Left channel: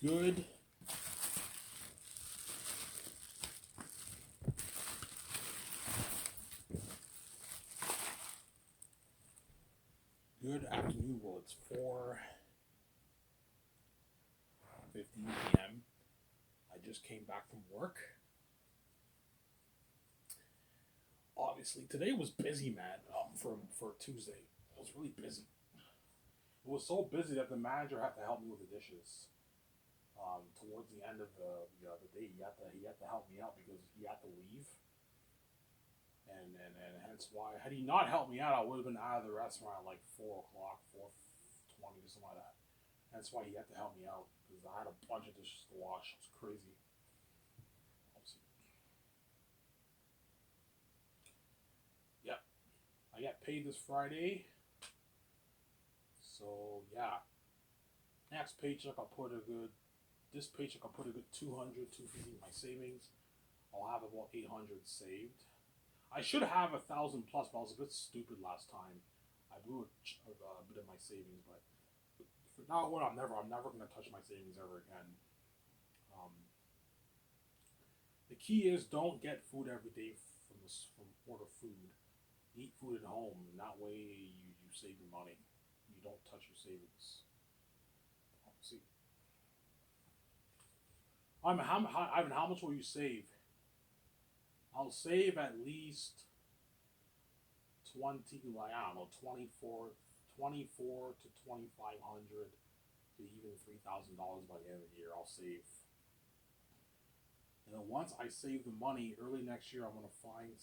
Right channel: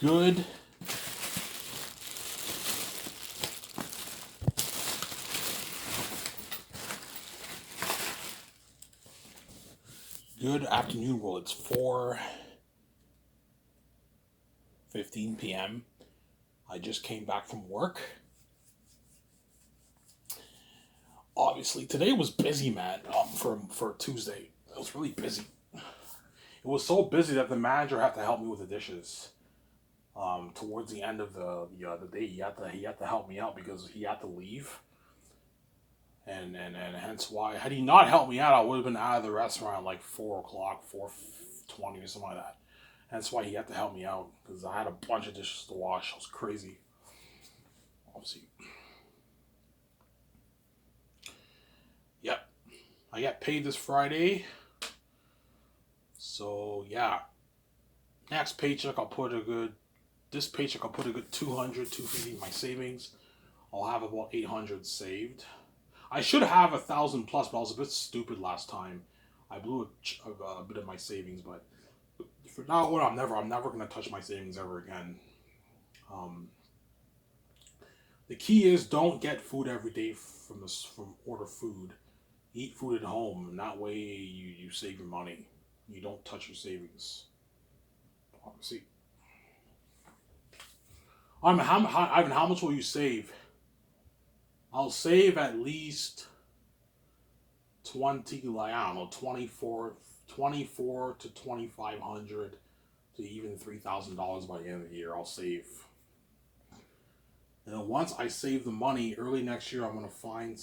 Good. Good afternoon. Well, it's 4:15 p.m. I just came back from work. Obviously, today was busy, man. For Tuesday, it was really busy. It was so busy that the manager had to help me with the dishes. Towards the end of the day, he had to help me out because he had to leave, and hence why had he not helped me out, I would have been out of the restaurant like 4 o'clock, 4:20 or something like that. Hence why he had to help me out because I had a bunch of dishes to wash. It was crazy. Obviously, yep. I got paid this Friday, so yeah. Next paycheck, I'll put a good. This paycheck, I'll put a good 200, 250 in my savings. I'll have about 800 saved. I should have 1,000 plus, but I was a bit stupid last time. I blew a bit of my savings, but for now on, I'm never gonna touch my savings ever again. Um, the key is don't get food every day from order food. Eat food at home, and that way you save your money. You don't touch your savings. See, Ivan, how much will you save? I'll save at least 20, like I don't know, 24 to 2,500 to even $3,000 by the end of the year. I'll save. And then once I save the money, early next year, I'm gonna find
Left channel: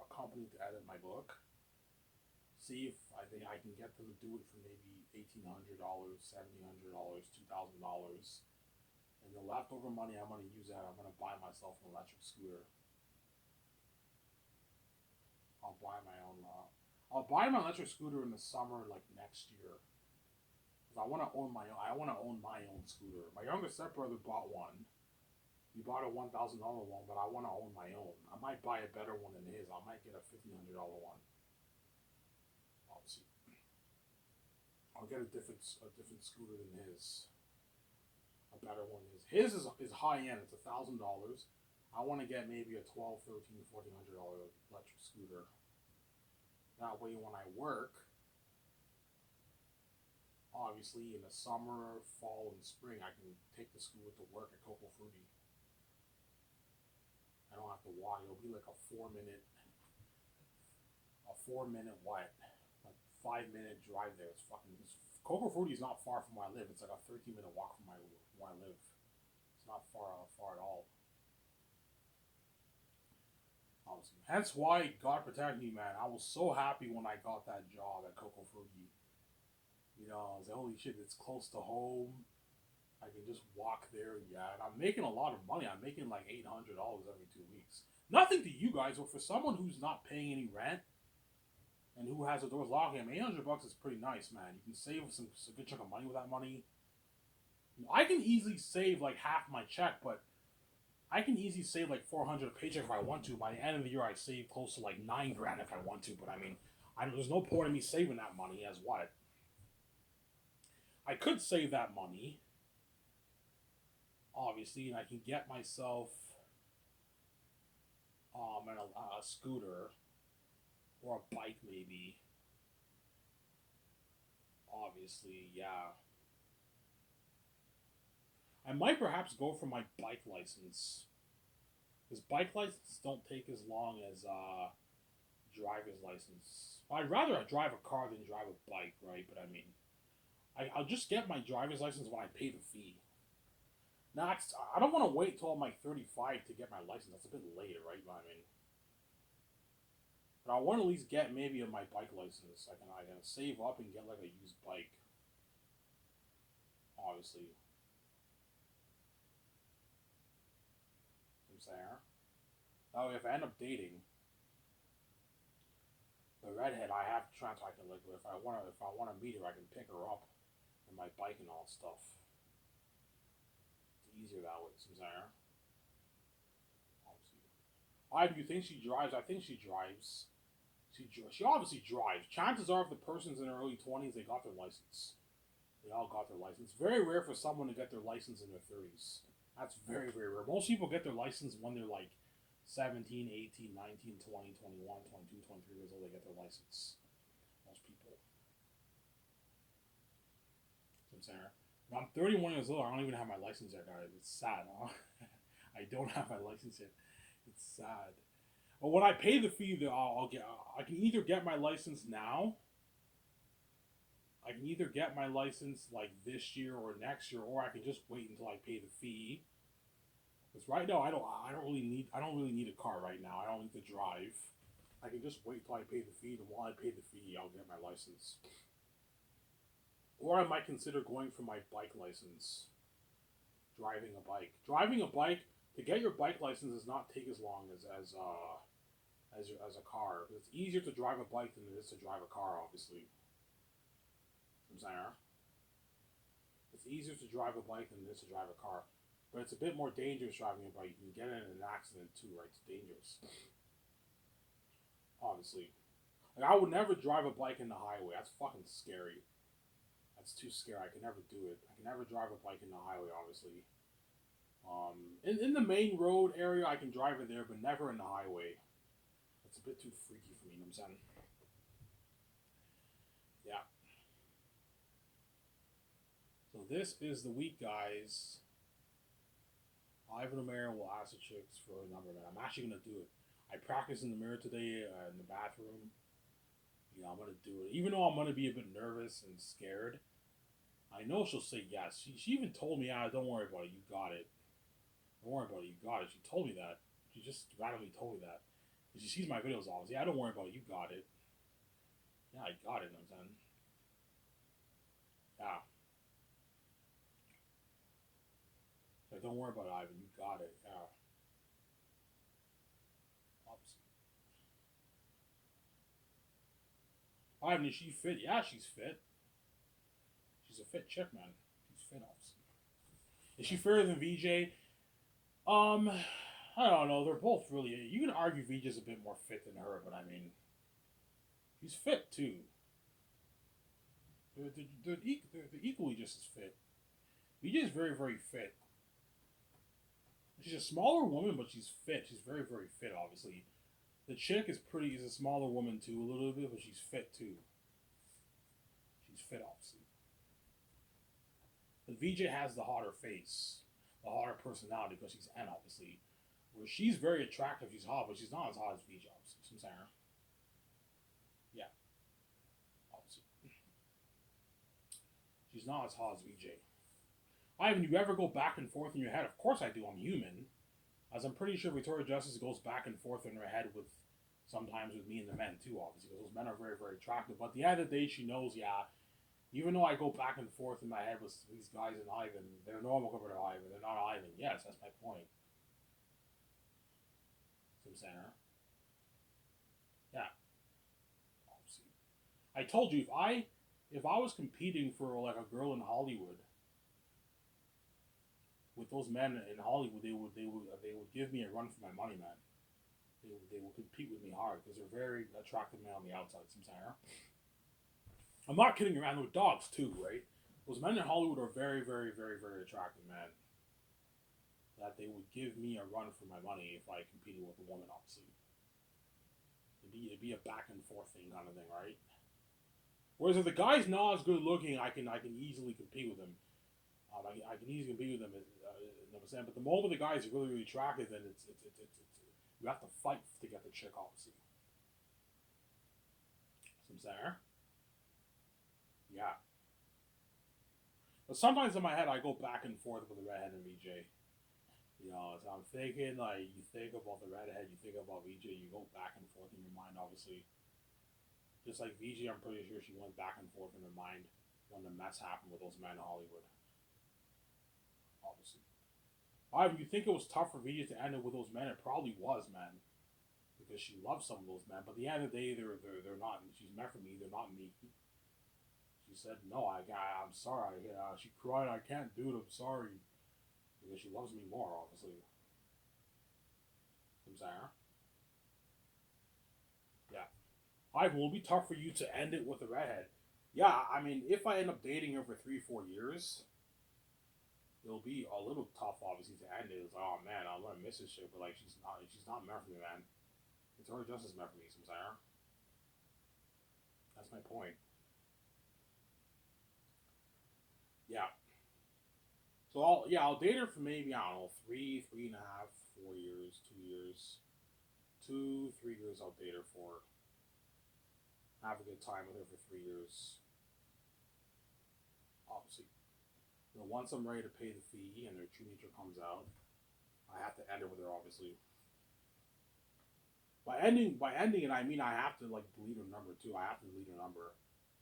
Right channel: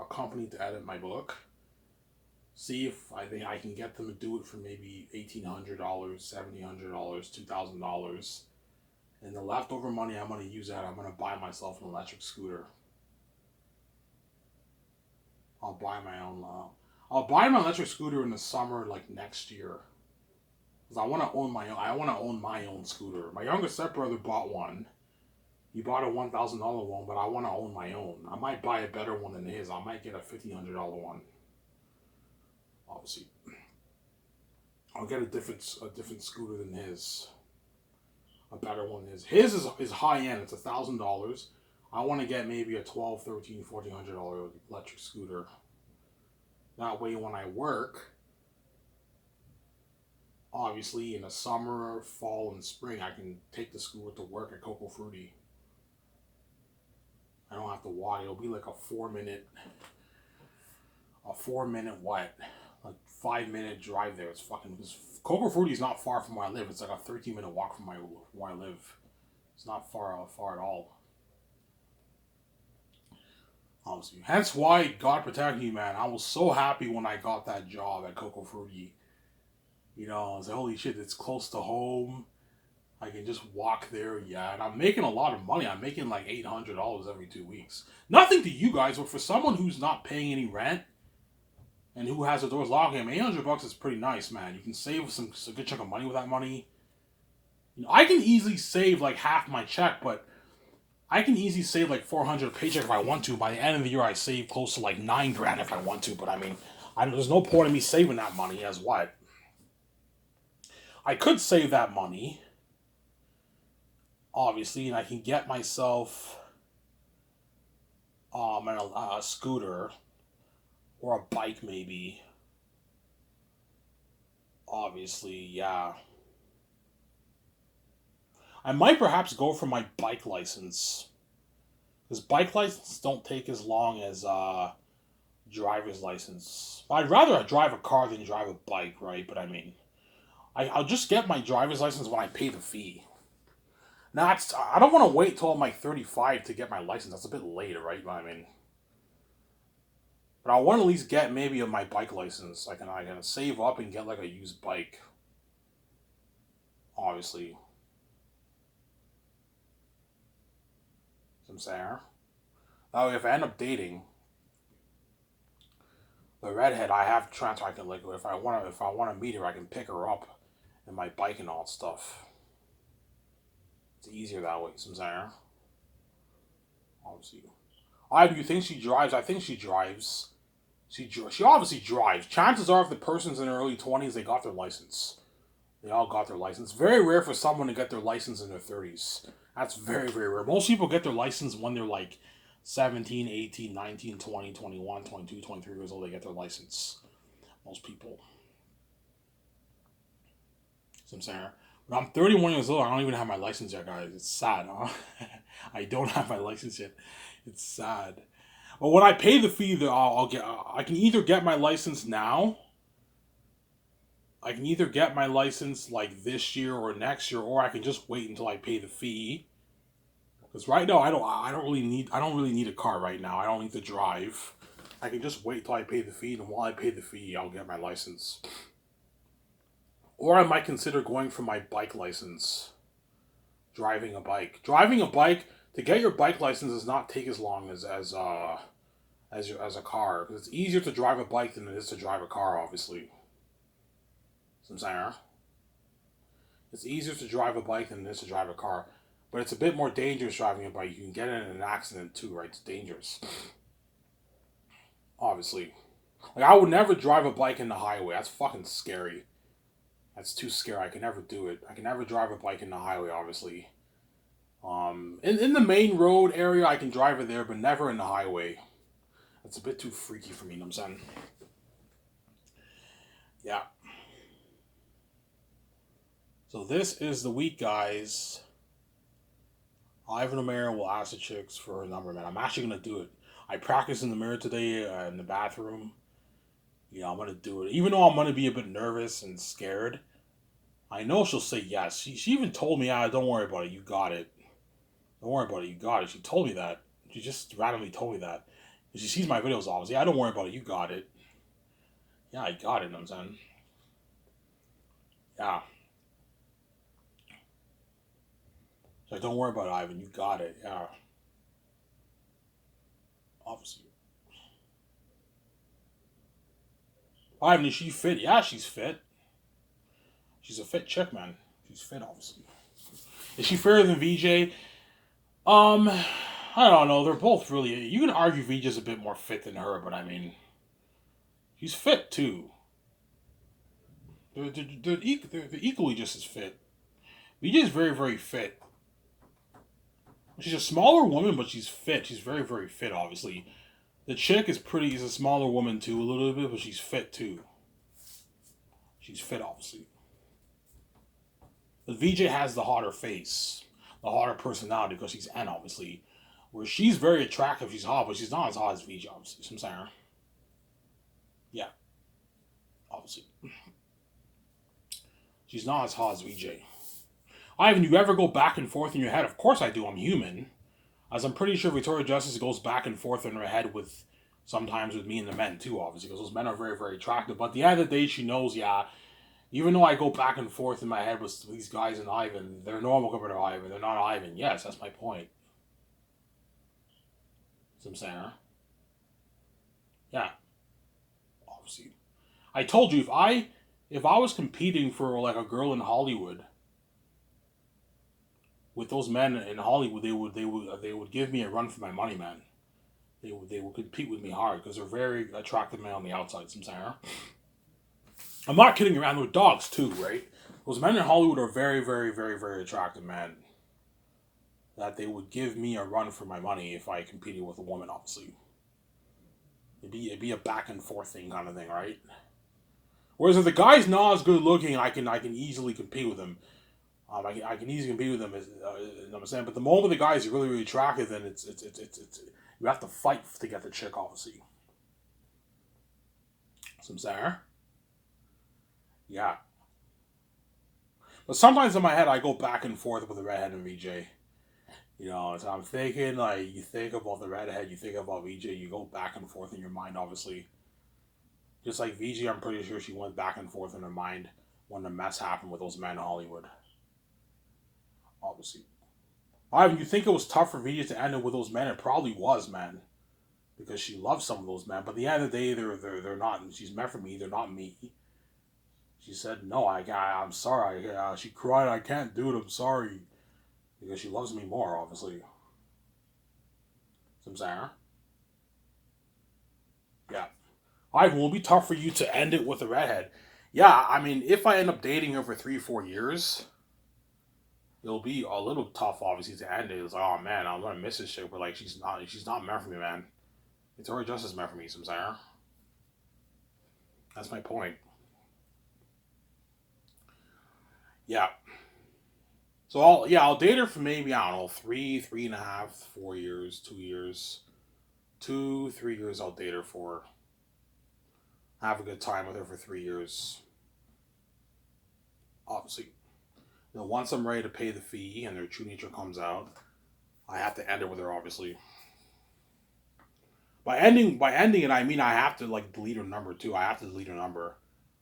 a company to edit my book. See if I think I can get them to do it for maybe $1,800, $1,700, $2,000, and the leftover money I'm gonna use that. I'm gonna buy myself an electric scooter. I'll buy my own. I'll buy my electric scooter in the summer, like next year, because I want to own my own. I want to own my own scooter. My younger stepbrother bought one. He bought a $1,000 one, but I want to own my own. I might buy a better one than his. I might get a $1,500 one. Obviously, I'll get a different scooter than his. A better one than his. His is high end. It's $1,000. I want to get maybe a 12, 13, $1,400 electric scooter. That way, when I work, obviously in the summer, fall, and spring, I can take the scooter to work at Coco Fruity. I don't have to walk. It'll be like a 4 minute what, like 5 minute drive there. It's fucking. Coco Fruity is not far from where I live. It's like a 13-minute walk from where I live. It's not far at all. Honestly, hence why God protect me, man. I was so happy when I got that job at Coco Fruity. I was like, holy shit, it's close to home. I can just walk there, yeah. And I'm making a lot of money. I'm making like $800 every 2 weeks. Nothing to you guys, but for someone who's not paying any rent and who has the doors locked, $800 is pretty nice, man. You can save a good chunk of money with that money. I can easily save like half my check, but I can easily save like 400 a paycheck if I want to. By the end of the year, I save close to like 9 grand if I want to. But there's no point in me saving that money as what. I could save that money, obviously, and I can get myself a scooter or a bike maybe. Obviously, yeah. I might perhaps go for my bike license. Because bike license don't take as long as driver's license. I'd rather drive a car than drive a bike, right? But I'll just get my driver's license when I pay the fee. Now, I don't want to wait till I'm like 35 to get my license. That's a bit later, right? But I want to at least get maybe my bike license. I can save up and get like a used bike. Obviously, I'm saying. Now, if I end up dating the redhead, I have transfer. I can like if I want to meet her, I can pick her up and my bike and all that stuff. It's easier that way. I'm saying. Obviously, do you think she drives? I think she drives. She obviously drives. Chances are, if the person's in their early 20s, they got their license. They all got their license. Very rare for someone to get their license in their 30s. That's very, very rare. Most people get their license when they're like 17, 18, 19, 20, 21, 22, 23 years old. They get their license. Most people. So I'm saying, but I'm 31 years old. I don't even have my license yet, guys. It's sad, huh? I don't have my license yet. It's sad. But when I pay the fee, I'll get. I can either get my license now. I can either get my license like this year or next year, or I can just wait until I pay the fee. Because right now I don't really need a car right now. I don't need to drive. I can just wait till I pay the fee, and while I pay the fee, I'll get my license. Or I might consider going for my bike license. Driving a bike. Driving a bike to get your bike license does not take as long as a car. Because it's easier to drive a bike than it is to drive a car, obviously. So I'm saying, it's easier to drive a bike than it is to drive a car. But it's a bit more dangerous driving a bike. You can get in an accident too, right? It's dangerous. Obviously. Like, I would never drive a bike in the highway. That's fucking scary. That's too scary. I can never do it. I can never drive a bike in the highway, obviously. In the main road area, I can drive it there, but never in the highway. It's a bit too freaky for me, you know what I'm saying? Yeah. So this is the week, guys. Ivan O'Mara will ask the chicks for her number, man. I'm actually going to do it. I practiced in the mirror today in the bathroom. Yeah, I'm going to do it. Even though I'm going to be a bit nervous and scared, I know she'll say yes. She even told me, don't worry about it. You got it. Don't worry about it. You got it. She told me that. She just randomly told me that. She sees my videos, obviously. Don't worry about it. You got it. Yeah, I got it, you know what I'm saying? Yeah. She's like, don't worry about it, Ivan. You got it. Yeah. Obviously. Ivan, is she fit? Yeah, she's fit. She's a fit chick, man. She's fit, obviously. Is she fairer than VJ? I don't know. They're both really. You can argue VJ's a bit more fit than her, but I mean, she's fit too. They're equally just as fit. VJ's very, very fit. She's a smaller woman, but she's fit. She's very, very fit, obviously. The chick is a smaller woman too, a little bit, but she's fit too. She's fit, obviously. But VJ has the hotter face, the hotter personality, because she's N, obviously. Where she's very attractive, she's hot, but she's not as hot as VJ, obviously. So I'm saying, yeah, obviously. She's not as hot as VJ. Ivan, you ever go back and forth in your head? Of course I do. I'm human. As I'm pretty sure Victoria Justice goes back and forth in her head sometimes with me and the men too, obviously, because those men are very, very attractive. But at the end of the day, she knows, yeah, even though I go back and forth in my head with these guys and Ivan, they're normal compared to Ivan. They're not Ivan. Yes, that's my point. See what I'm saying, huh? Yeah, obviously. I told you, if I was competing for like a girl in Hollywood with those men in Hollywood, they would give me a run for my money, man. They would compete with me hard because they're very attractive men on the outside. Some saying, huh? I'm not kidding around with dogs too, right? Those men in Hollywood are very, very, very, very attractive men. That they would give me a run for my money if I competed with a woman, obviously. It'd be a back and forth thing kind of thing, right? Whereas if the guy's not as good looking, I can easily compete with him. I can easily compete with them, you know what I'm saying? But the moment the guy is really, really attractive, then it's you have to fight to get the chick, obviously. So I'm saying, yeah. But sometimes in my head, I go back and forth with the redhead and VJ. You know, so I'm thinking, like, you think about the redhead, you think about VJ, you go back and forth in your mind, obviously. Just like VJ, I'm pretty sure she went back and forth in her mind when the mess happened with those men in Hollywood. Obviously. Ivan, you think it was tough for VJ to end it with those men? It probably was, man. Because she loves some of those men. But at the end of the day, they're not. She's meant for me. They're not me. She said, no, I'm sorry. She cried, I can't do it. I'm sorry. Because she loves me more, obviously. So I'm saying, huh? Yeah. Ivan, will it be tough for you to end it with a redhead? Yeah, I mean, if I end up dating her for 3, 4 years, it'll be a little tough, obviously, to end it. It's like, oh man, I'm gonna miss this shit, but like, she's not meant for me, man. Victoria Justice meant for me, some saying. That's my point. Yeah. So I'll date her for maybe I don't know 3, 3.5, 4 years, 2 years, 2, 3 years. I'll date her for. Have a good time with her for 3 years. Obviously, once I'm ready to pay the fee and their true nature comes out, I have to end it with her. Obviously, by ending it, I mean I have to like delete her number too. I have to delete her number.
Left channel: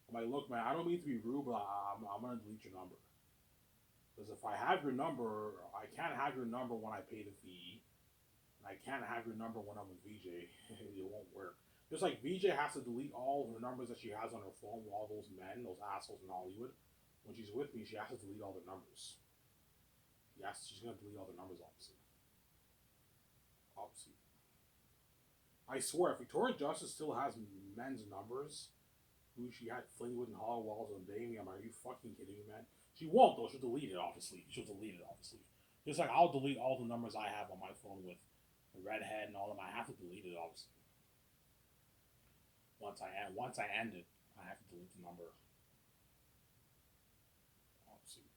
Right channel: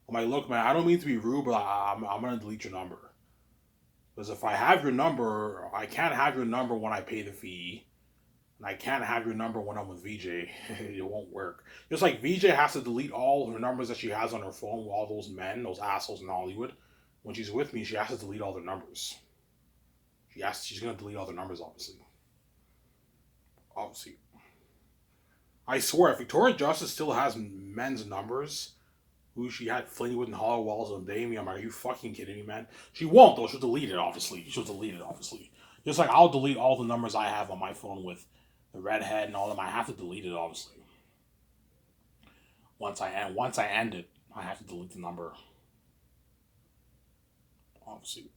I'm like, look, man, I don't mean to be rude, but I'm gonna delete your number because if I have your number, I can't have your number when I pay the fee. And I can't have your number when I'm with VJ. It won't work. Just like VJ has to delete all her numbers that she has on her phone with all those men, those assholes in Hollywood. When she's with me, she has to delete all their numbers. She's gonna delete all their numbers, obviously. Obviously. I swear, if Victoria Justice still has men's numbers, who she had fling with in Hollow Walls and Damien, are you fucking kidding me, man? She won't though. She'll delete it, obviously. She'll delete it, obviously. Just like I'll delete all the numbers I have on my phone with the redhead and all them. I have to delete it, obviously. Once I end it, I have to delete the number. Obviously,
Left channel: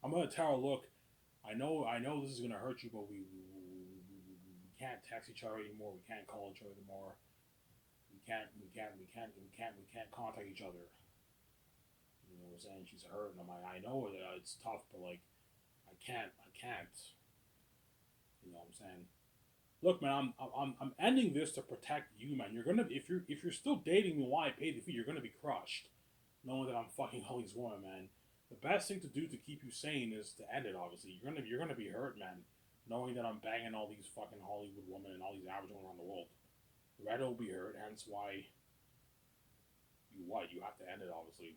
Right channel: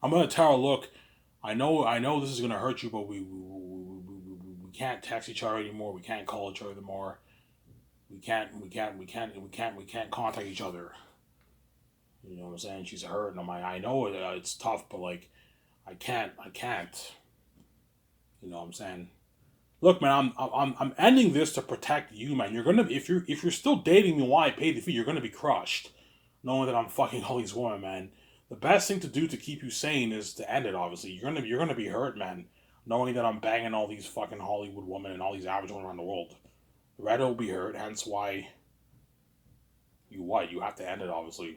I'm gonna tell her, look, I know this is gonna hurt you, but we can't text each other anymore. We can't call each other anymore. We can't contact each other. You know what I'm saying? She's hurt, and I know it's tough, but like, I can't. You know what I'm saying? Look, man, I'm ending this to protect you, man. You're gonna if you're still dating me while I pay the fee, you're gonna be crushed, knowing that I'm fucking all these women, man. The best thing to do to keep you sane is to end it. Obviously, you're gonna be hurt, man, knowing that I'm banging all these fucking Hollywood women and all these average women around the world. Red will be hurt, hence why you have to end it. Obviously,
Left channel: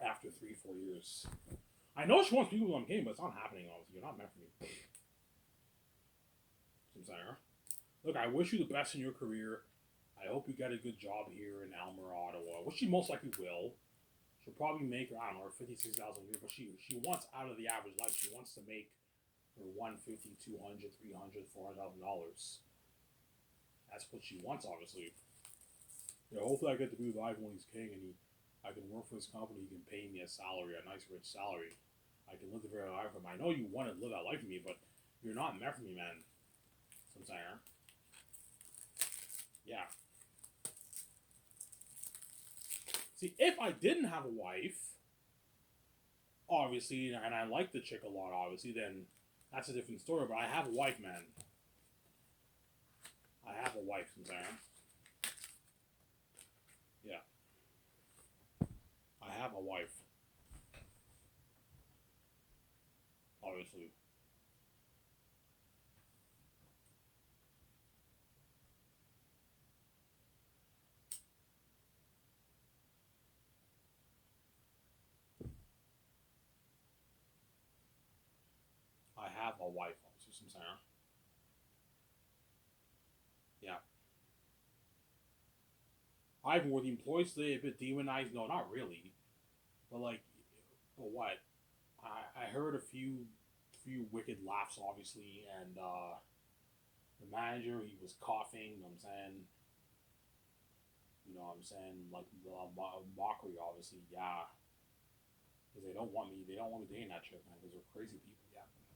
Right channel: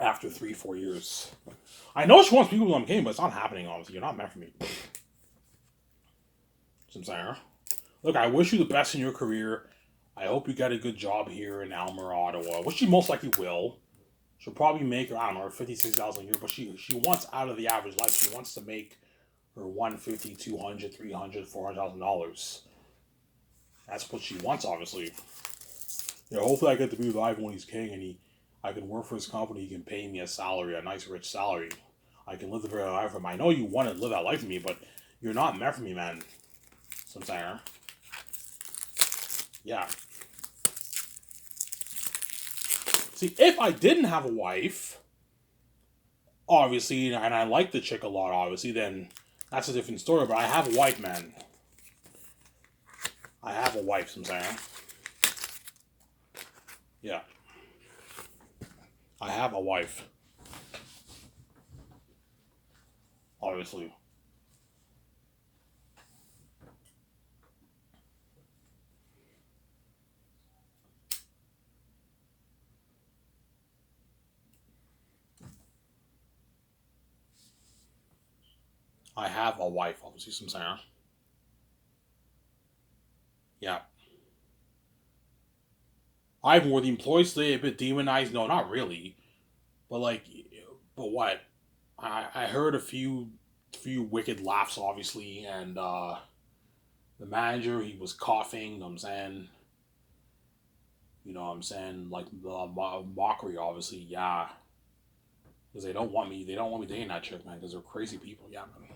after 3, 4 years. I know she wants people to game, but it's not happening. Obviously, you're not meant for me. Some saying. Look, I wish you the best in your career. I hope you get a good job here in Almer, Ottawa, which she most likely will. She'll probably make her, I don't know, 56,000 a year, but she wants out of the average life. She wants to make her 150, 200, 300, $400,000. That's what she wants, obviously. Hopefully I get to be with Ivan when he's king and I can work for his company. He can pay me a salary, a nice rich salary. I can live the very life for him. I know you want to live that life for me, but you're not meant for me, man. Sometimes. Yeah. See, if I didn't have a wife, obviously, and I like the chick a lot, obviously, then that's a different story. But I have a wife, man. I have a wife, sometimes. Yeah. I have a wife. Obviously. I have a wife, obviously, sometimes. Yeah. I've were the employees today a bit demonized. No, not really. But like, but what? I heard a few wicked laughs, obviously, and the manager he was coughing. You know what I'm saying, like the mockery, obviously, yeah, because they don't want me dating that chick, man, because they're crazy people, yeah, man.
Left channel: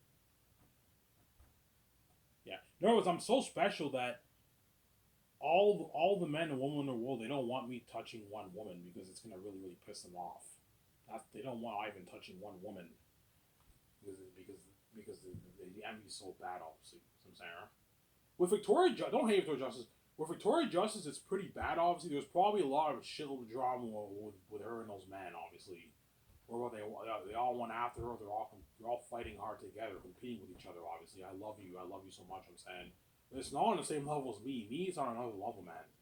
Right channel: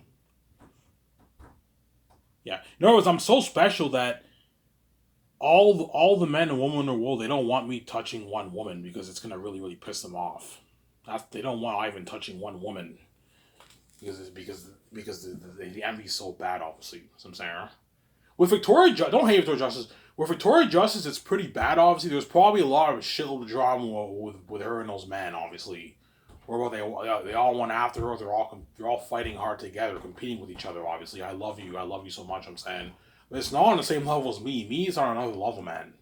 Yeah. In other words, I'm so special that all the men and women in the world they don't want me touching one woman because it's gonna really piss them off. They don't want Ivan touching one woman because the envy's so bad, obviously. So I'm saying. With don't hate Victoria Justice. With Victoria Justice, it's pretty bad. Obviously, there's probably a lot of shitload of drama with her and those men. Obviously, or what they all went after her. They're all fighting hard together, competing with each other. Obviously, I love you so much. I'm saying, but it's not on the same level as me. Me is on another level, man.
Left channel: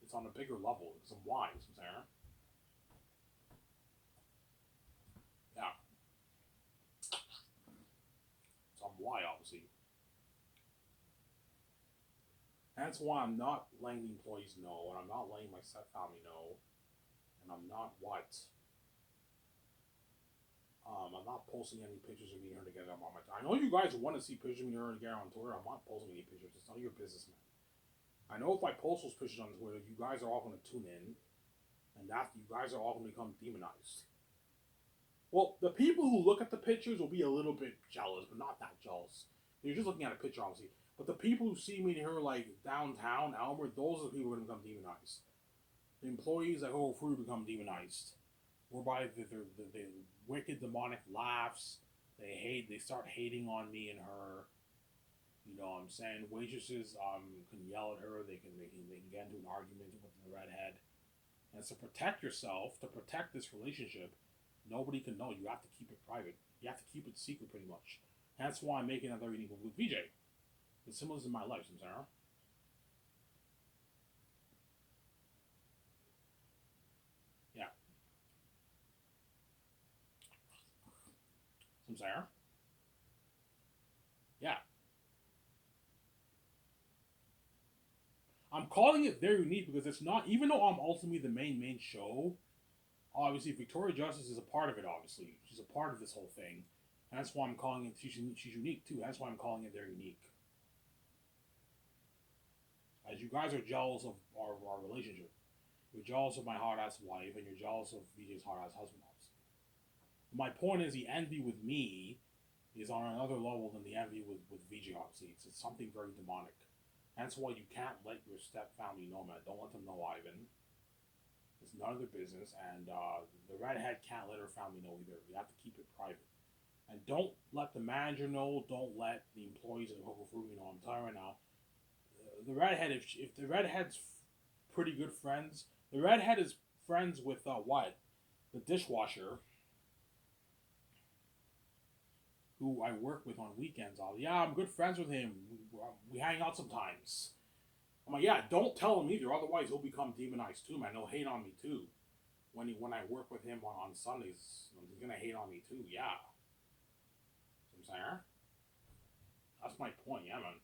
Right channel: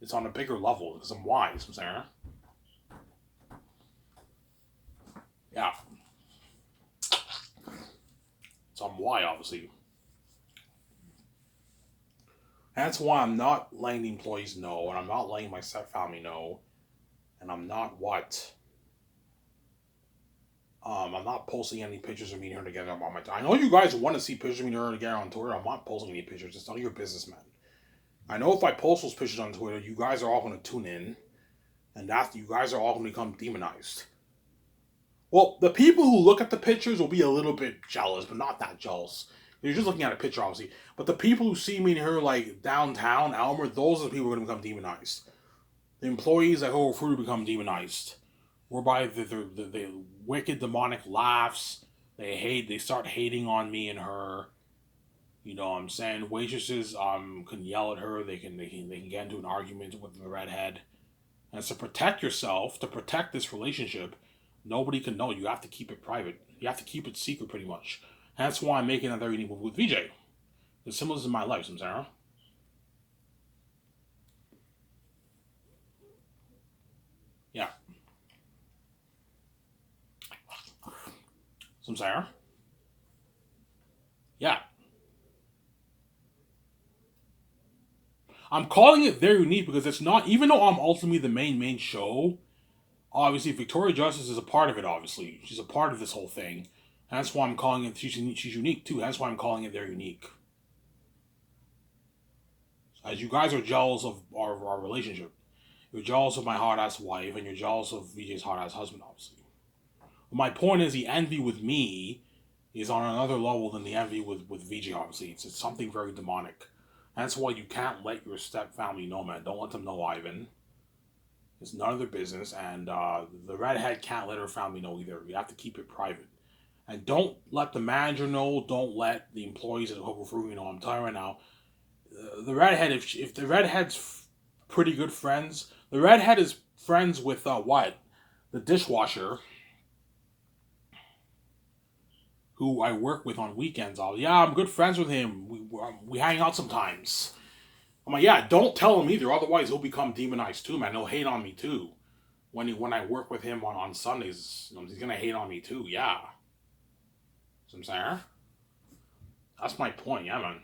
It's on a bigger level because I'm wise. I'm saying, yeah, so I'm wise, obviously. That's why I'm not letting the employees know, and I'm not letting my step family know, and I'm not what. I'm not posting any pictures of me and her together on my. I know you guys want to see pictures of me and her together on Twitter. I'm not posting any pictures. It's none of your business, man. I know if I post those pictures on Twitter, you guys are all going to tune in, and that you guys are all going to become demonized. Well, the people who look at the pictures will be a little bit jealous, but not that jealous. You're just looking at a picture, obviously. But the people who see me and her like downtown, Elmer, those are the people who are going to become demonized. The employees at Whole Fruit become demonized, whereby the wicked demonic laughs. They start hating on me and her. You know what I'm saying? Waitresses can yell at her. They can get into an argument with the redhead. And it's to protect yourself, to protect this relationship, nobody can know. You have to keep it private. You have to keep it secret, pretty much. And that's why I'm making a very unique movie with VJ. The symbols in my life, Samsara. Yeah. Samsara. Yeah. I'm calling it very unique because it's not, even though I'm ultimately the main show, obviously Victoria Justice is a part of it, obviously. She's a part of this whole thing. And that's why I'm calling it, she's unique too. That's why I'm calling it very unique. As you guys are jealous of our relationship. You're jealous of my hard ass wife, and you're jealous of VJ's hard ass husband, obviously. My point is, the envy with me is on another level than the envy with VJ, obviously. It's something very demonic. That's why you can't let your step family know, man. Don't let them know, Ivan. It's none of their business, and the redhead can't let her family know either. You have to keep it private. And don't let the manager know. Don't let the employees at Hobo Fruit know. I'm telling you right now, the redhead. If the redhead's pretty good friends, the redhead is friends with what? The dishwasher, who I work with on weekends. Yeah, I'm good friends with him. We hang out sometimes. I'm like, yeah, don't tell him either. Otherwise, he'll become demonized too, man. He'll hate on me too. When I work with him on Sundays, he's gonna hate on me too. Yeah. So I'm saying, that's my point. Yeah, man.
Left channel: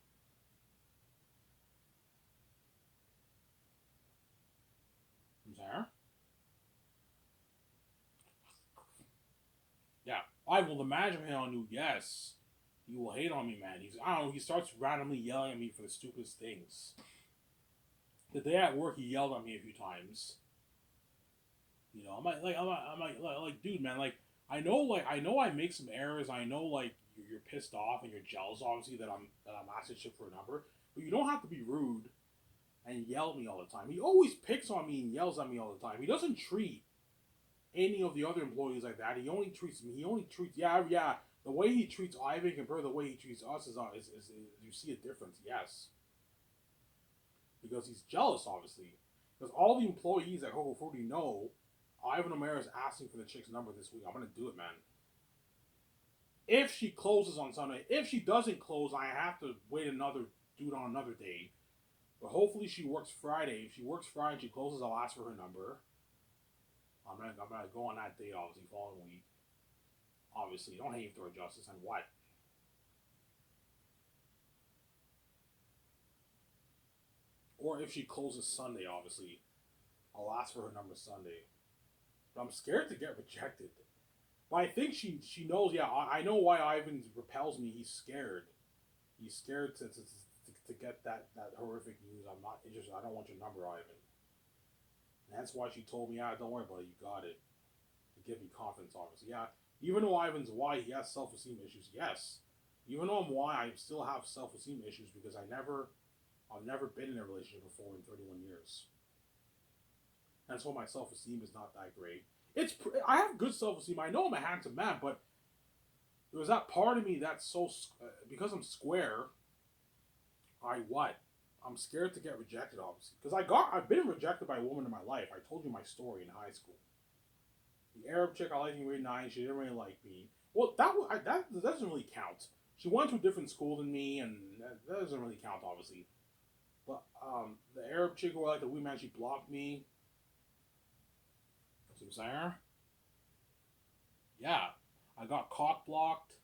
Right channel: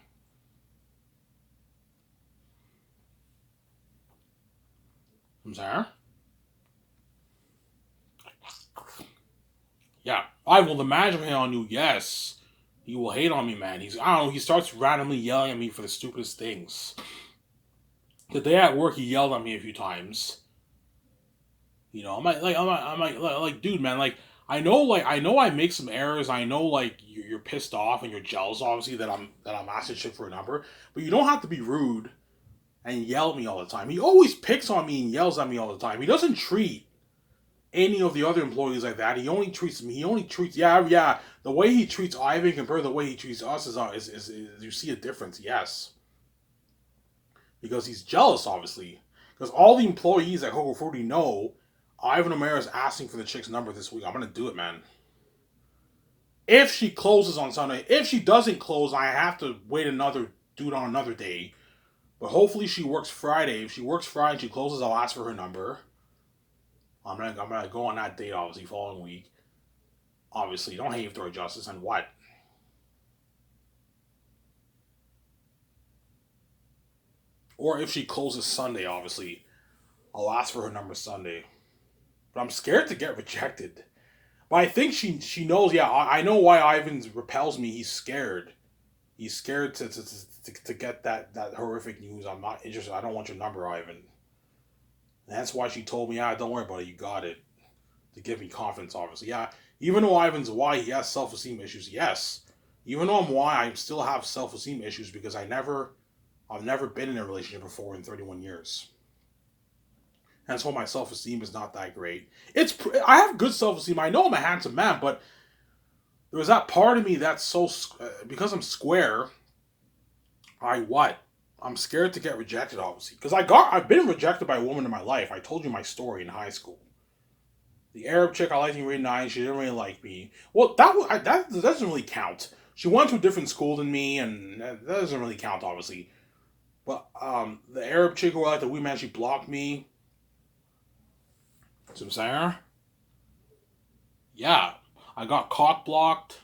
I'm saying, yeah. I will imagine him on you. Yes, he will hate on me, man. I don't know. He starts randomly yelling at me for the stupidest things. The day at work, he yelled at me a few times. I'm like, dude, man, I know I make some errors. I know, like, you're pissed off and you're jealous, obviously, that I'm asking shit for a number. But you don't have to be rude and yell at me all the time. He always picks on me and yells at me all the time. He doesn't treat any of the other employees like that. He only treats me. He only treats, yeah. The way he treats Ivan compared to the way he treats us is you see a difference. Yes, because he's jealous, obviously. Because all the employees at Coco 40 know Ivan O'Mara is asking for the chick's number this week. I'm gonna do it, man. If she closes on Sunday, if she doesn't close, I have to do it on another day. But hopefully she works Friday. If she works Friday and she closes, I'll ask for her number. I'm gonna go on that date, obviously, following week. Obviously, don't hate Victoria Justice and what? Or if she closes Sunday, obviously, I'll ask for her number Sunday. But I'm scared to get rejected. But I think she knows. Yeah, I know why Ivan repels me. He's scared. He's scared to get that horrific news. I'm not interested. I don't want your number, Ivan. And that's why she told me, don't worry about it. You got it. To give me confidence, obviously. Yeah, even though Ivan's why he has self-esteem issues. Yes, even though I'm why I still have self-esteem issues because I've never been in a relationship before in 31 years. And that's why my self-esteem is not that great. I have good self-esteem. I know I'm a handsome man, but there was that part of me that's because I'm square. I'm scared to get rejected, obviously, because I've been rejected by a woman in my life. I told you my story in high school. The Arab chick I liked in grade 9, she didn't really like me. Well, that doesn't really count. She went to a different school than me, and that doesn't really count, obviously. But the Arab chick who I liked, the wee man, she blocked me. See what I'm saying? Yeah, I got cock blocked.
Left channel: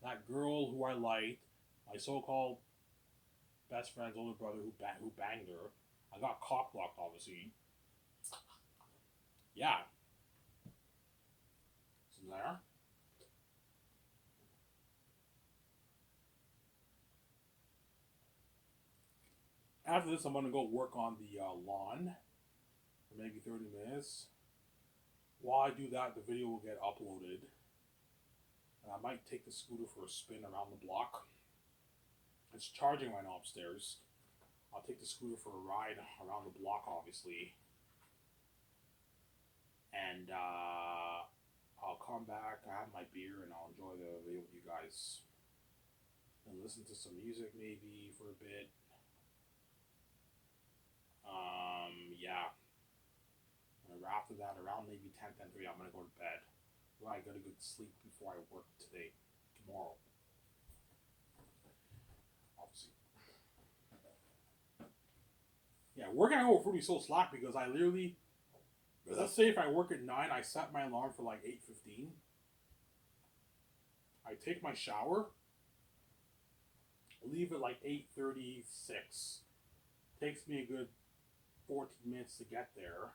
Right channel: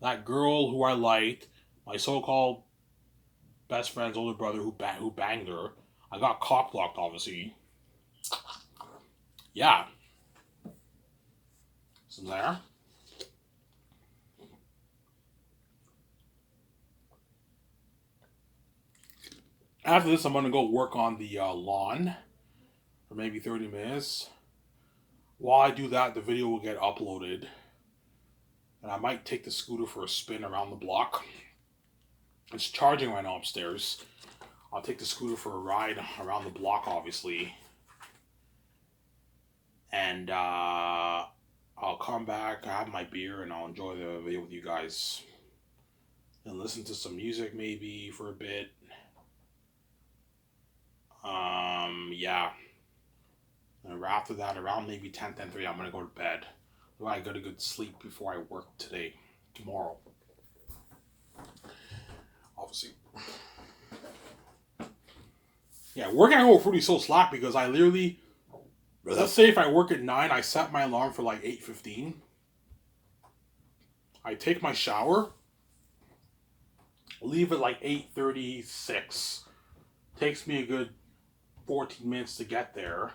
That girl who I liked, my so-called best friend's older brother who banged her. I got cock blocked, obviously. Yeah. Some there. After this, I'm gonna go work on the lawn for maybe 30 minutes. While I do that, the video will get uploaded, and I might take the scooter for a spin around the block. It's charging right now upstairs. I'll take the scooter for a ride around the block, obviously, and I'll come back, I have my beer, and I'll enjoy the video with you guys, and listen to some music maybe for a bit. Yeah. And after that, around maybe 10:30, I'm gonna go to bed. I got a good sleep before I work tomorrow. Obviously. Yeah, working at Coco Fruity is so slack because I literally, let's say if I work at 9, I set my alarm for like 8:15. I take my shower, leave at like 8:36. Takes me a good 14 minutes to get there.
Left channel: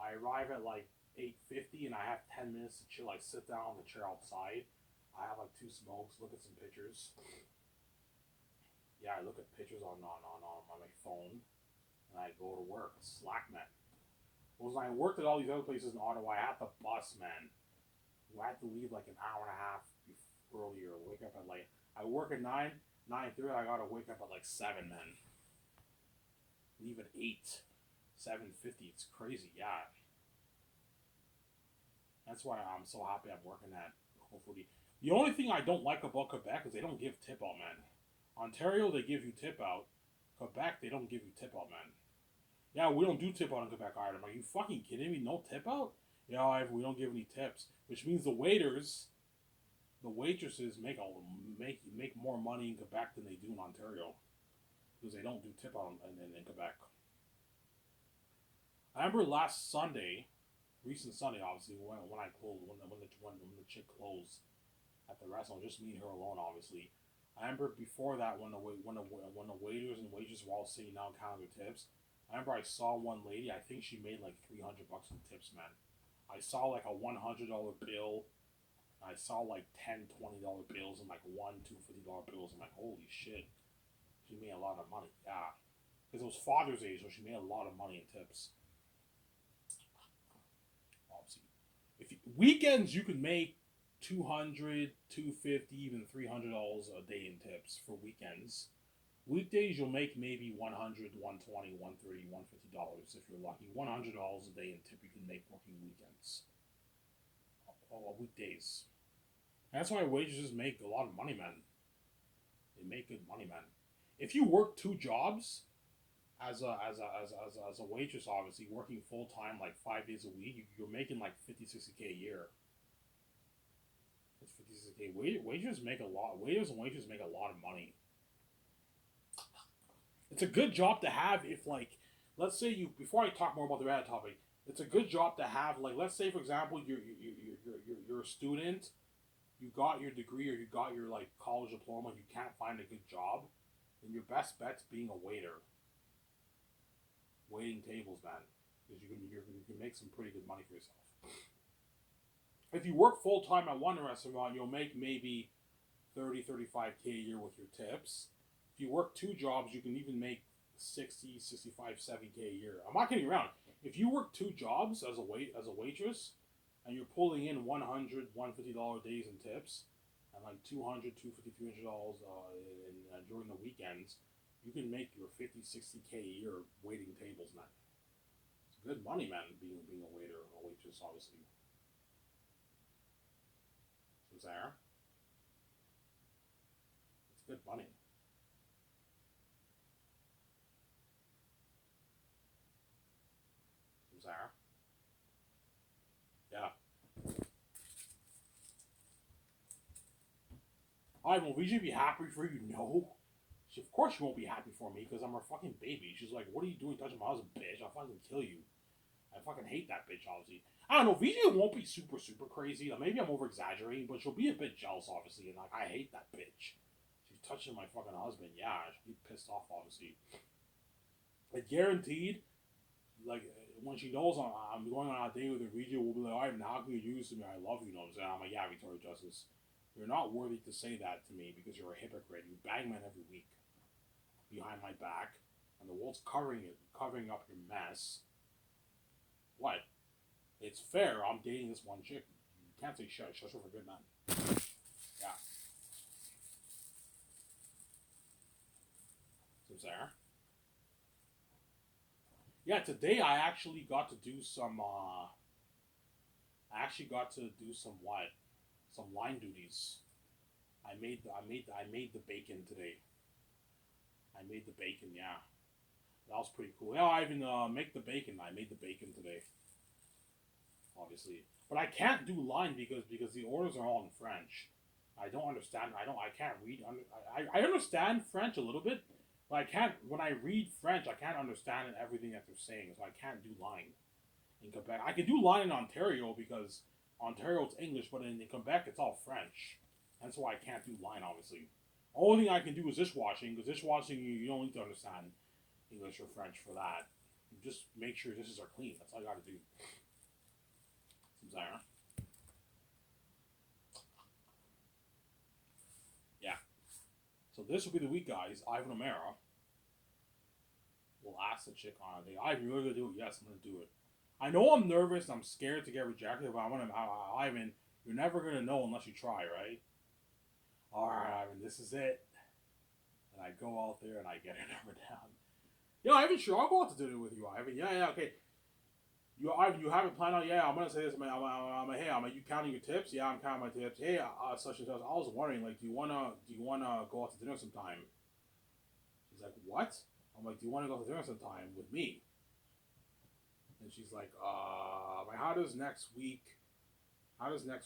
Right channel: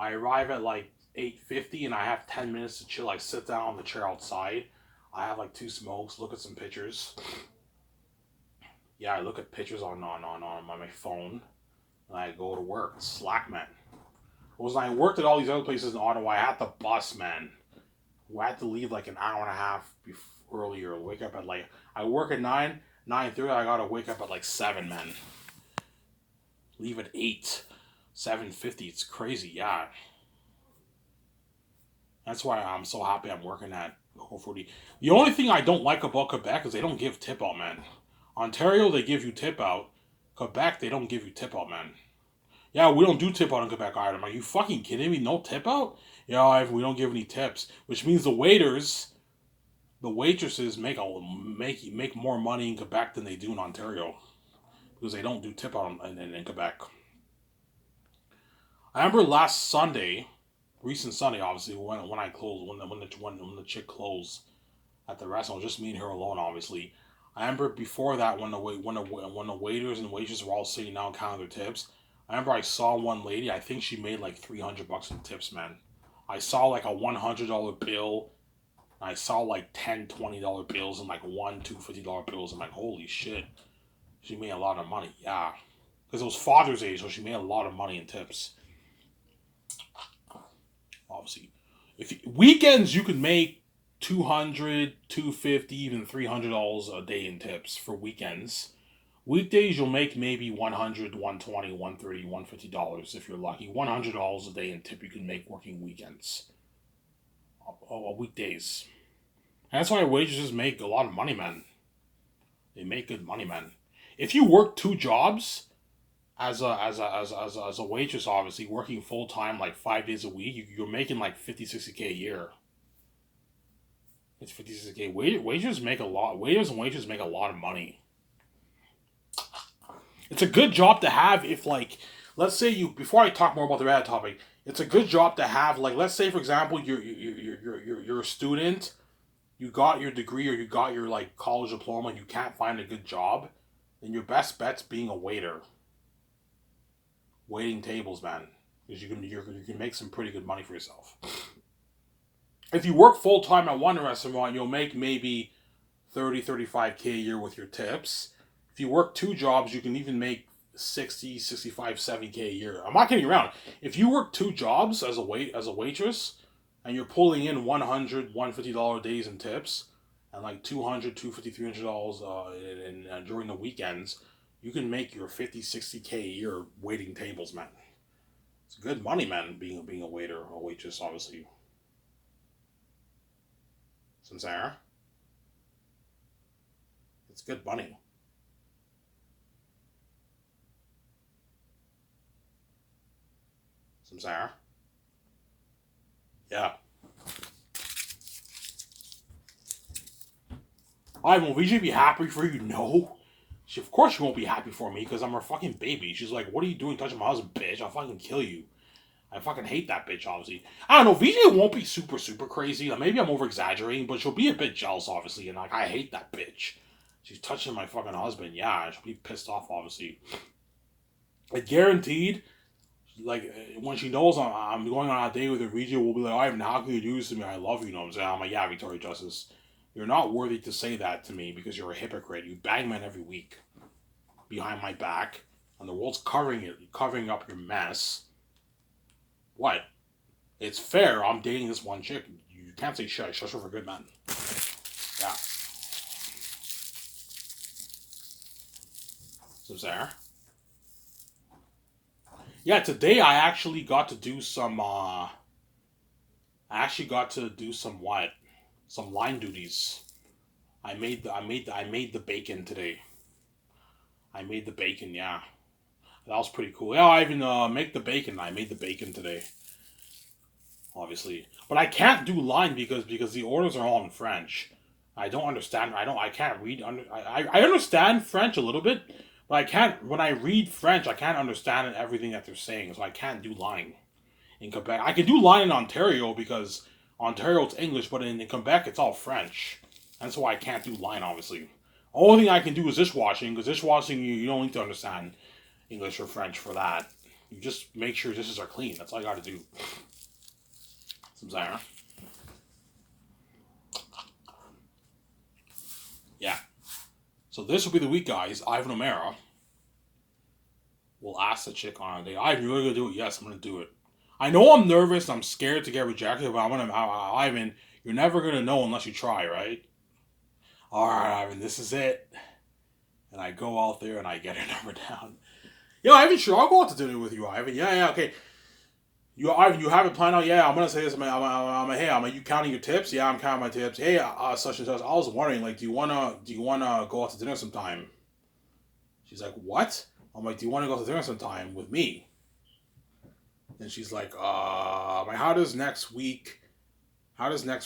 I arrive at like 8:50 and I have 10 minutes to chill. I sit down on the chair outside. I have like 2 smokes, look at some pictures. Yeah, I look at pictures on my phone. And I go to work. Slack, man. When I worked at all these other places in Ottawa, I had the bus, man. I had to leave like an hour and a half earlier. Wake up at like, I work at 9:30. I gotta wake up at like 7, man. Leave at 8. 7:50. It's crazy, yeah. That's why I'm so happy I'm working at Coco Fruity. The only thing I don't like about Quebec is they don't give tip out, man. Ontario, they give you tip out. Quebec, they don't give you tip out, man. Yeah, we don't do tip out in Quebec either. Are you fucking kidding me? No tip out? Yeah, we don't give any tips. Which means the waitresses make more money in Quebec than they do in Ontario. Because they don't do tip out in Quebec. I remember last Sunday, recent Sunday, obviously, when I closed, when the chick closed at the restaurant, just me and her alone, obviously. I remember before that when the waiters and waitresses were all sitting down counting their tips. I remember I saw one lady. I think she made like $300 in tips, man. I saw like a $100 bill. I saw like $10, $20 bills and like $2 $50 bills. I'm like, holy shit, she made a lot of money. Yeah, because it was Father's Day, so she made a lot of money in tips. Obviously, weekends you can make $200, $250, even $300 a day in tips for weekends. Weekdays you'll make maybe $100, $120, $130, $150 if you're lucky. $100 a day in tip you can make working weekends. Weekdays. And that's why waitresses make a lot of money, man. They make good money, man. If you work 2 jobs as a waitress, obviously working full time like 5 days a week, you're making like 50, 60K a year. It's 50, 60K. Waiters make a lot. Waiters and waitresses make a lot of money. It's a good job to have if, like, let's say before I talk more about the red topic, it's a good job to have, like, let's say for example you're a student, you got your degree or you got your like college diploma and you can't find a good job, then your best bet's being a waiter. Waiting tables, man, because you can make some pretty good money for yourself. If you work full time at one restaurant, you'll make maybe 30, 35K a year with your tips. If you work 2 jobs, you can even make 60, 65, 70K a year. I'm not kidding around. If you work 2 jobs as a waitress, and you're pulling in $100, $150 days in tips, and like $200, $250, $300 during the weekends, you can make your 50, 60K a year waiting tables, man. It's good money, man, being a waiter or waitress, obviously. Sincere. It's good money. Sincere. Yeah. Will VJ be happy for you? No. Of course she won't be happy for me because I'm her fucking baby. She's like, what are you doing touching my husband, bitch? I'll fucking kill you. I fucking hate that bitch, obviously. I don't know, VJ won't be super, super crazy. Maybe I'm over exaggerating, but she'll be a bit jealous, obviously, and like, I hate that bitch. She's touching my fucking husband. Yeah, she'll be pissed off, obviously. I guaranteed, like, when she knows I'm going on a date with a region, we'll be like, Ivan, how can you do this to me? I love you, you know what I'm saying? I'm like, yeah, Victoria Justice, you're not worthy to say that to me because you're a hypocrite. You bang men every week behind my back, and the world's covering up your mess. What? It's fair. I'm dating this one chick. You can't say shit. Shush her for good men. Yeah. So Sarah. Yeah, today I actually got to do some. I actually got to do some what? Some line duties. I made the bacon today. I made the bacon. Yeah, that was pretty cool. Yeah, I even make the bacon. I made the bacon today. Obviously, but I can't do line because the orders are all in French. I don't understand. I can't read. I understand French a little bit, but I can't. When I read French, I can't understand everything that they're saying. So I can't do line in Quebec. I can do line in Ontario because Ontario it's English, but in Quebec it's all French. That's why I can't do line. Obviously, only thing I can do is dishwashing because dishwashing you don't need to understand English or French for that. You just make sure dishes are clean. That's all I got to do. Some Zara. Yeah. So this will be the week, guys. Ivan O'Mara will ask the chick on a date. Ivan, you're gonna do it? Yes, I'm gonna do it. I know I'm nervous. I'm scared to get rejected, but Ivan, you're never gonna know unless you try, right? All right, Ivan, this is it. And I go out there and I get her number down. Yeah, Ivan, sure, I'll go out to dinner with you, Ivan. Yeah, okay. Ivan, you have it planned out? Yeah, I'm gonna say this. Hey, you counting your tips? Yeah, I'm counting my tips. Hey, such and such. I was wondering, like, do you wanna go out to dinner sometime? She's like, what? I'm like, do you want to go to dinner sometime with me? And she's like, how does next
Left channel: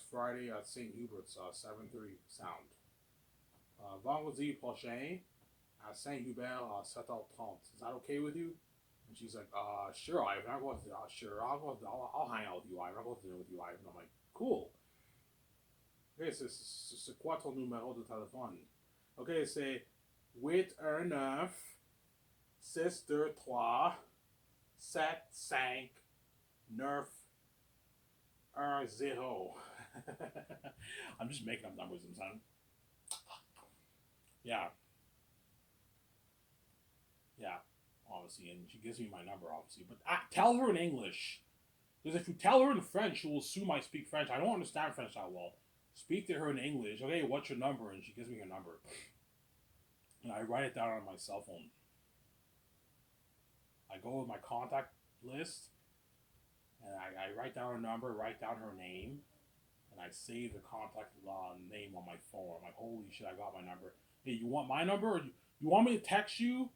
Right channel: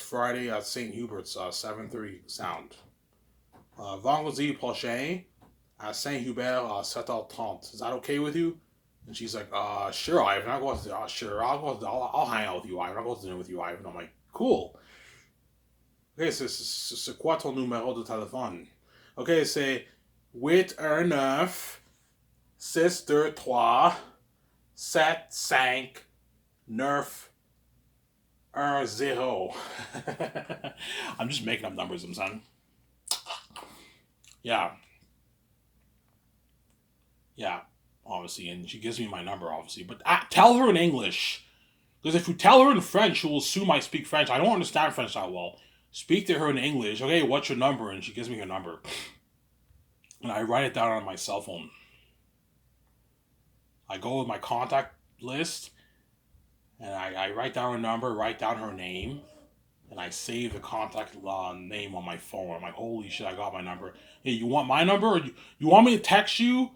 Friday at St. Hubert's 7:30 sound? Vendredi prochain at Saint Hubert 7h30. Is that okay with you? And she's like, sure, Ivan. I'll go to, sure, I'll hang out with you, Ivan. I'll go to dinner with you, Ivan. I'm like, cool. Ok, c'est quoi ton numéro de téléphone? Ok, c'est 819-623-75-910. I'm just making up numbers, I'm saying. Yeah. Yeah, obviously. And she gives me my number, obviously. But tell her in English. Because if you tell her in French, she will assume I speak French. I don't understand French that well. Speak to her in English. Okay, what's your number? And she gives me her number. And I write it down on my cell phone. I go with my contact list. And I write down her number, write down her name. And I save the contact name on my phone. I'm like, holy shit, I got my number. Hey, you want my number? Or you want me to text you?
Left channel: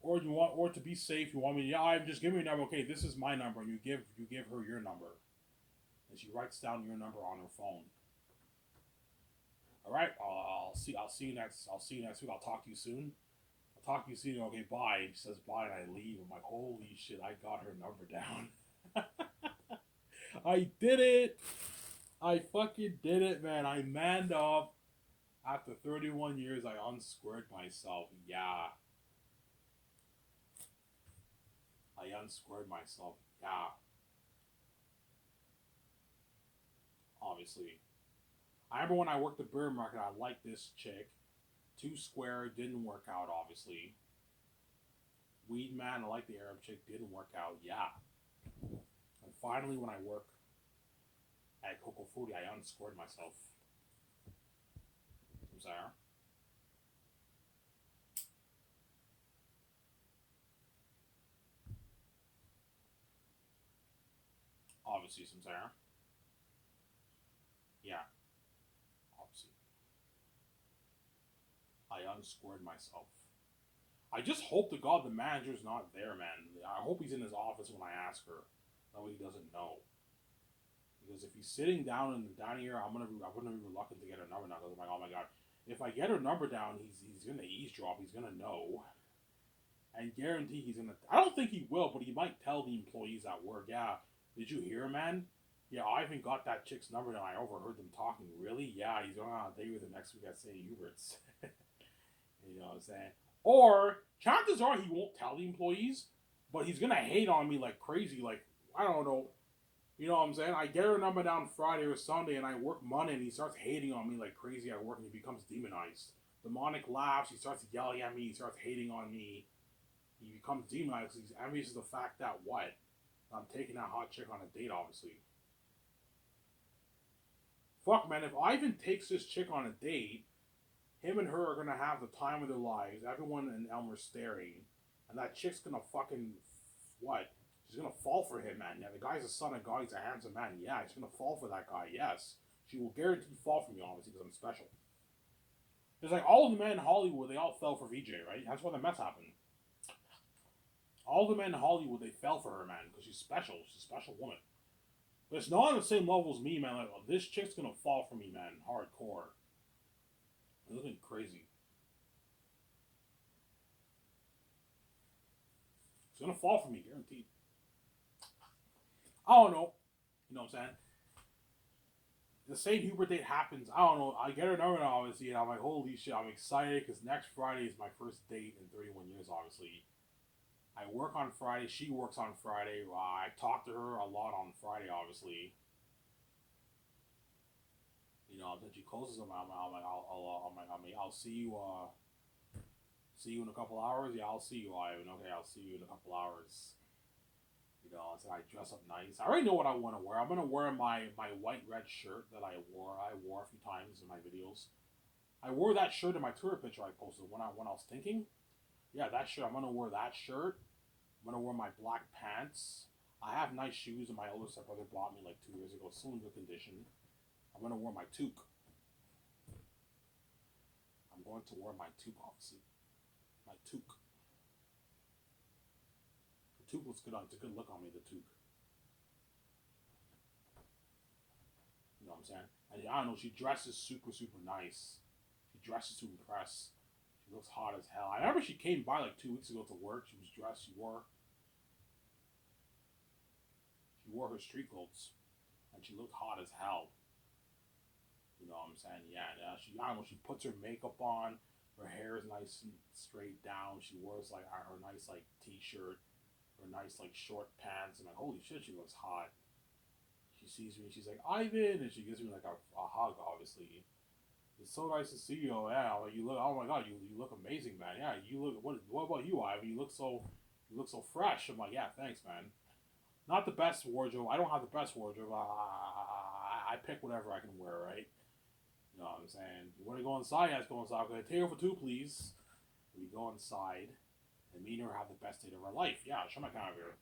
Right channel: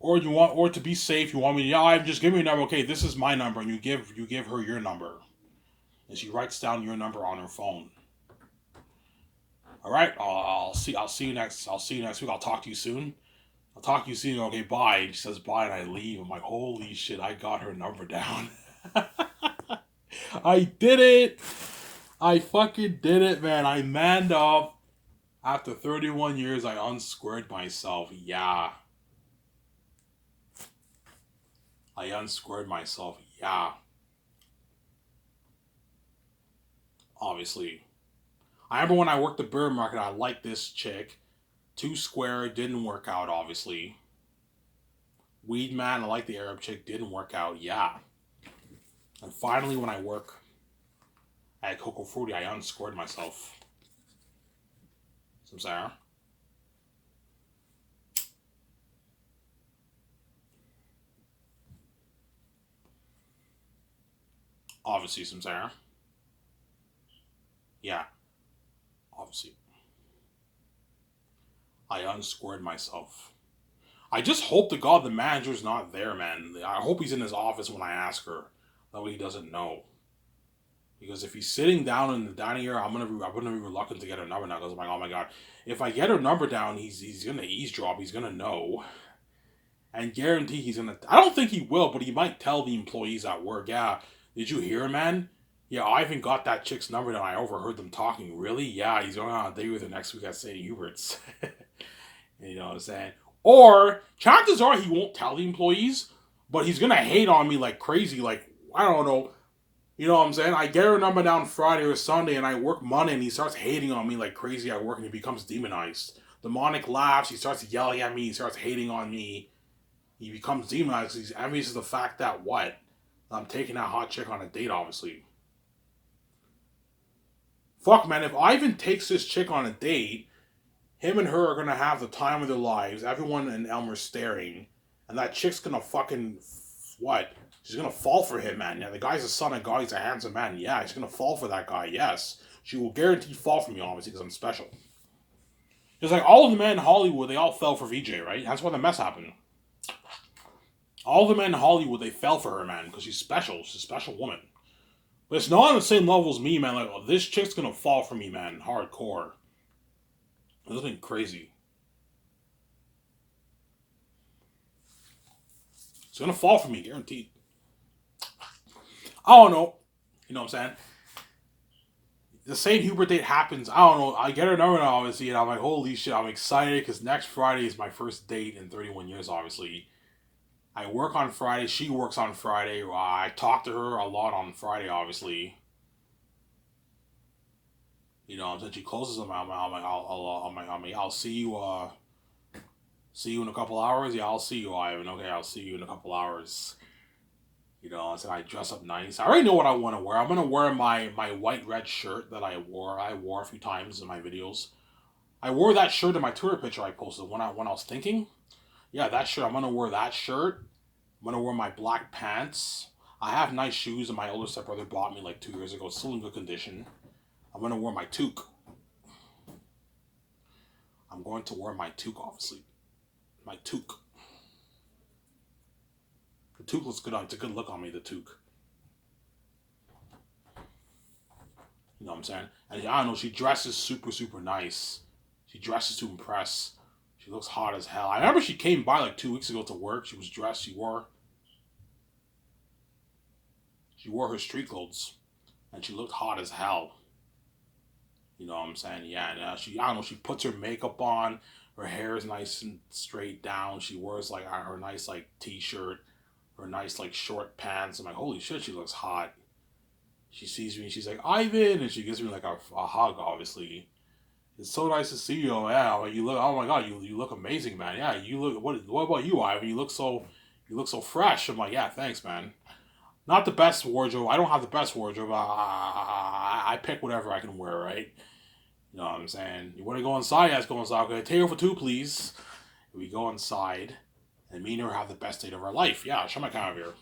Or to be safe, you want me to, yeah, just give me your number. Okay, this is my number, and you give her your number. And she writes down your number on her phone. All right, I'll see you next week. I'll talk to you soon. I'll talk to you soon. Okay, bye. And she says bye, and I leave. I'm like, holy shit, I got her number down. I did it. I fucking did it, man. I manned up. After 31 years, I unsquared myself. Yeah. I unsquared myself. Yeah. Obviously. I remember when I worked the bird market, I liked this chick. 2 square, didn't work out, obviously. Weed man, I like the Arab chick, didn't work out. Yeah. And finally, when I work at Coco Fruity, I unsquared myself. Some Sarah. Obviously, some Sarah. Yeah. Obviously. I unsquared myself. I just hope to God the manager's not there, man. I hope he's in his office when I ask her. That way he doesn't know. Because if he's sitting down in the dining area, I'm gonna be reluctant to get her number now. Because I'm like, oh my god, if I get her number down, he's gonna eavesdrop. He's gonna know, and guarantee he's gonna. I don't think he will, but he might tell the employees at work. Yeah, did you hear, man? Yeah, Ivan got that chick's number, and I overheard them talking. Really? Yeah, he's going on a date with her next week at St. Hubert's. You know what I'm saying? Or chances are he won't tell the employees, but he's gonna hate on me like crazy. Like, I don't know. You know what I'm saying? I get her number down Friday or Sunday and I work Monday and he starts hating on me like crazy at work and he becomes demonized. Demonic laughs, he starts yelling at me, he starts hating on me. He becomes demonized. He's envious of the fact that what? I'm taking that hot chick on a date, obviously. Fuck, man, if Ivan takes this chick on a date, him and her are gonna have the time of their lives. Everyone in Elmer's staring. And that chick's gonna fucking. What? She's gonna fall for him, man. Yeah, the guy's a son of God. He's a handsome man. Yeah, she's gonna fall for that guy. Yes, she will guarantee fall for me, obviously, because I'm special. It's like all of the men in Hollywood, they all fell for VJ, right? That's why the mess happened. All the men in Hollywood, they fell for her, man, because she's special. She's a special woman. But it's not on the same level as me, man. Like, oh, this chick's gonna fall for me, man. Hardcore. It's nothing crazy. It's gonna fall for me, guaranteed. I don't know. You know what I'm saying? The St. Hubert date happens. I don't know. I get her number now, obviously, and I'm like, holy shit, I'm excited because next Friday is my first date in 31 years, obviously. I work on Friday. She works on Friday. I talk to her a lot on Friday, obviously. You know, until she closes them, I'll see you. See you in a couple hours. Yeah, I'll see you, Ivan. Okay, I'll see you in a couple hours. You know, so I dress up nice. I already know what I want to wear. I'm gonna wear my white red shirt that I wore. I wore a few times in my videos. I wore that shirt in my Twitter picture I posted when I was thinking. Yeah, that shirt. I'm gonna wear that shirt. I'm gonna wear my black pants. I have nice shoes that my older stepbrother bought me like 2 years ago. It's still in good condition. I'm gonna wear my toque. I'm going to wear my toque, obviously. My toque. The toque looks good on. It's a good look on me. The toque. You know what I'm saying? And I don't know. She dresses super super nice. She dresses to impress. She looks hot as hell. I remember she came by like 2 weeks ago to work. She was dressed. She wore her street clothes, and she looked hot as hell. You know what I'm saying? Yeah. And, I don't know. She puts her makeup on. Her hair is nice and straight down. She wears like her nice like t-shirt, her nice like short pants. I'm like, holy shit, she looks hot. She sees me and she's like, Ivan, and she gives me like a hug. Obviously, it's so nice to see you. Yeah, like you look. Oh my god, you look amazing, man. Yeah, you look. What about you, Ivan? You look so fresh. I'm like, yeah, thanks, man. Not the best wardrobe. I don't have the best wardrobe. I pick whatever I can wear, right? You know what I'm saying? You want to go inside? Let's go inside. Okay, table for two, please. We go inside, and me and her have the best date of our life. Yeah, show my camera here.